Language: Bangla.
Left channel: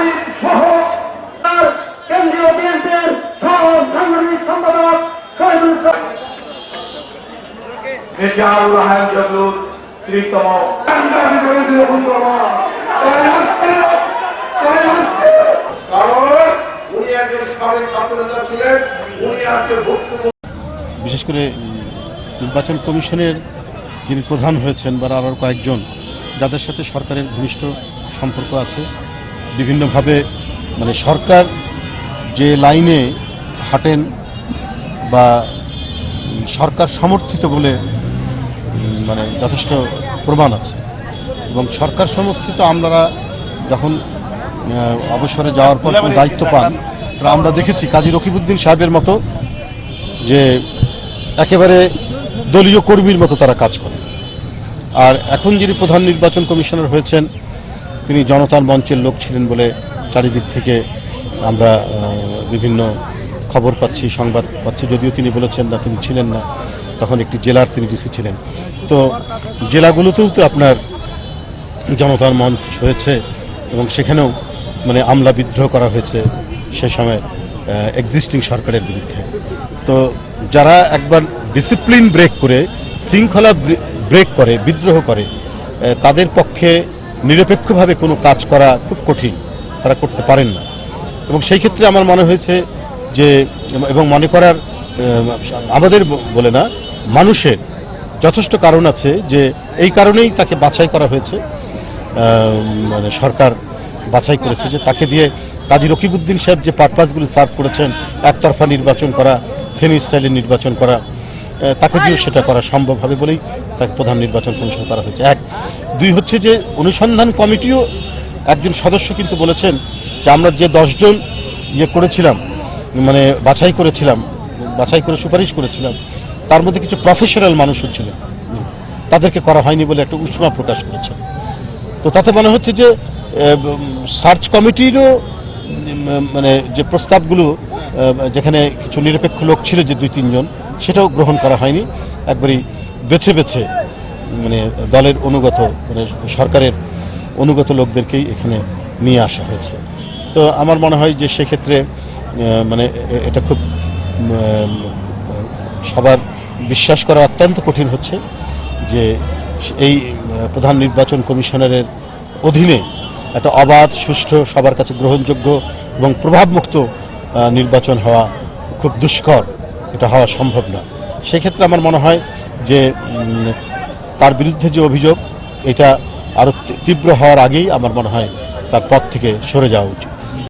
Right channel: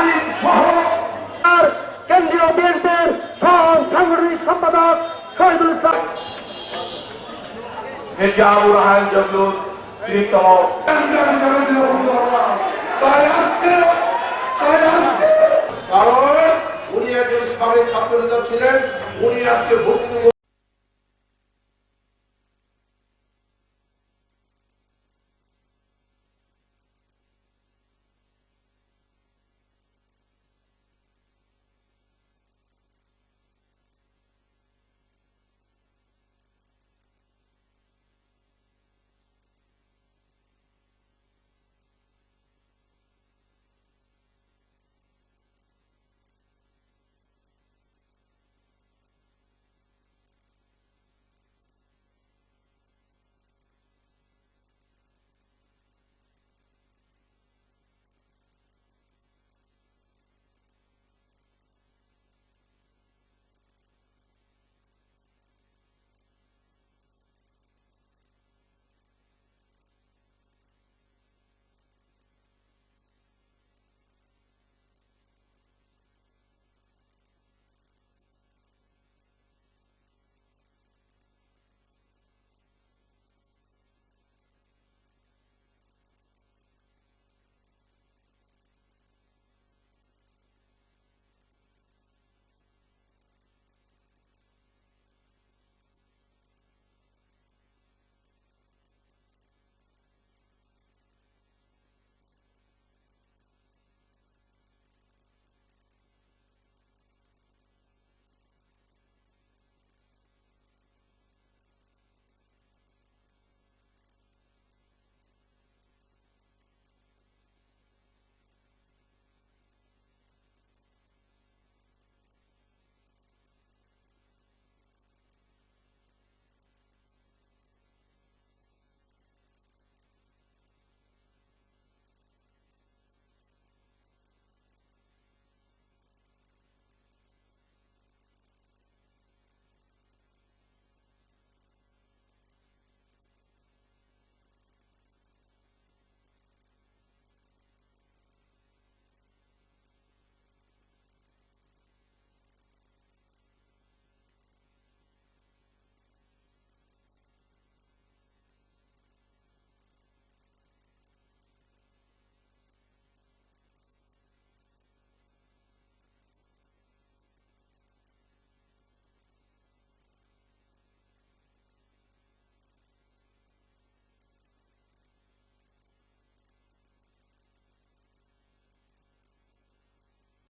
আইন সহ কেন্দ্রীয় বিএনপির সহ সাংগঠনিক সম্পাদক শহীদুল ইসলাম বিশেষ করে নির্বাচন কমিশনের যিনি প্রধান হয়েছেন বা আরও কয়েকজন যাদের সাথে সরকারের ঘনিষ্ঠ সম্পর্ক আছে, বিভিন্নভাবে মানে সরকার যে লাইনে হাঁটেন বা সরকার সমর্থিত বলে মানে যথেষ্ট প্রমাণ আছে। এবং সরকার সমর্থিত আমরা যখন অবসরে যাওয়ার পর দায়িত্ব পান, তা আমরা দেখেছি কাজী রকিবউদ্দিন সাহেবের মতো যে একেবারে দলীয় কর্মীর মতো তারা কাজ করে। আর এখন যিনি প্রধান নির্বাচন কমিশনার হয়েছেন তিনি জনতার মঞ্চের লোক ছিলেন বলে চারিদিক থেকে আমরা বিভিন্ন খবর পাচ্ছি, সংবাদ পাচ্ছি। যদিও তিনি বলেছেন না তিনি ছিলেন না, তখন একটি জেলার তিনি ডিসি ছিলেন। তো জেলাগুলোতেও তো আপনার জনতার মঞ্চ হয়েছে এবং সেখানেও মানে আমলা বিদ্রোহ করা হয়েছে সে সময় এক্সিস্টিং সরকারের বিরুদ্ধে। তো যারা একবার ডিসিপ্লিন ব্রেক করে, শৃঙ্খলা ব্রেক করে, বিদ্রোহ করে, তাদের পক্ষে নিরপেক্ষভাবে কোনো কাজ করা খুব কঠিন, তারা করতে পারেন না। এবং সেই ক্ষেত্রে আমার মনে হয়েছে যে, এবং মনে করার আমাদের বলে না, মানুষের যথেষ্ট কারণ আছে যে এই কারণেই তাকে বাছাই করা হয়েছে, মানে সরকার বাছাই করেছে যে তাকে দিয়ে কাজী রকিবউদ্দিন সাহেব যে পারপাসগুলো সার্ভ করেছেন, একতরফা নির্বাচন করা, ফেনী স্টাইলের নির্বাচন করা, তাকে দিয়েও সেটা করা সম্ভব হবে বলেই তাকে প্রধান নির্বাচন কমিশন করা হয়েছে। এক, দুই হচ্ছে যে অনুসন্ধান কমিটিও একজন সদস্য কিন্তু বলেছেন যে আমরা যে 10 জন করেছিলাম, মানে বাছাই করে সুপারিশ করেছিলাম, তার মধ্যে কিছু প্রফেশনাল মানুষও ছিলেন, তাদেরকে করা হয়নি বলে একটা উষ্মা প্রকাশ করেছে। তো তাতে মনে হচ্ছে যে সার্চ কমিটিরও মানে যে প্রস্তাবগুলো, যেখানে কিছু নিরপেক্ষ লোক ছিল যে 2-3 জন, সেটাও গ্রহণ করা হয়নি। একবারই বেছে বেছে মানে দলের অনুগত, মানে সরকারের অনুগত লোকদেরকেই এখানে নিয়ে আসা হয়েছে। তো আমার মনে হয় যে সেক্ষেত্রে মানে এটা খুব সবার বিশ্বাস করা অত্যন্ত কঠিন হচ্ছে যে এই প্রধান নির্বাচন কমিশনারের অধীনে একটা অবাধ, সুষ্ঠু, সবার কাছে গ্রহণযোগ্য এবং প্রভাবমুক্ত নির্বাচন হওয়া খুব দুষ্কর, এটা হওয়া সম্ভব না। সেক্ষেত্রে আমার মনে হয় যে তার বিরুদ্ধে যে অভিযোগ, এটা আরও তীব্র হওয়ার আগেই আমার মনে হয় তার পদ থেকে সরে যাওয়া উচিত।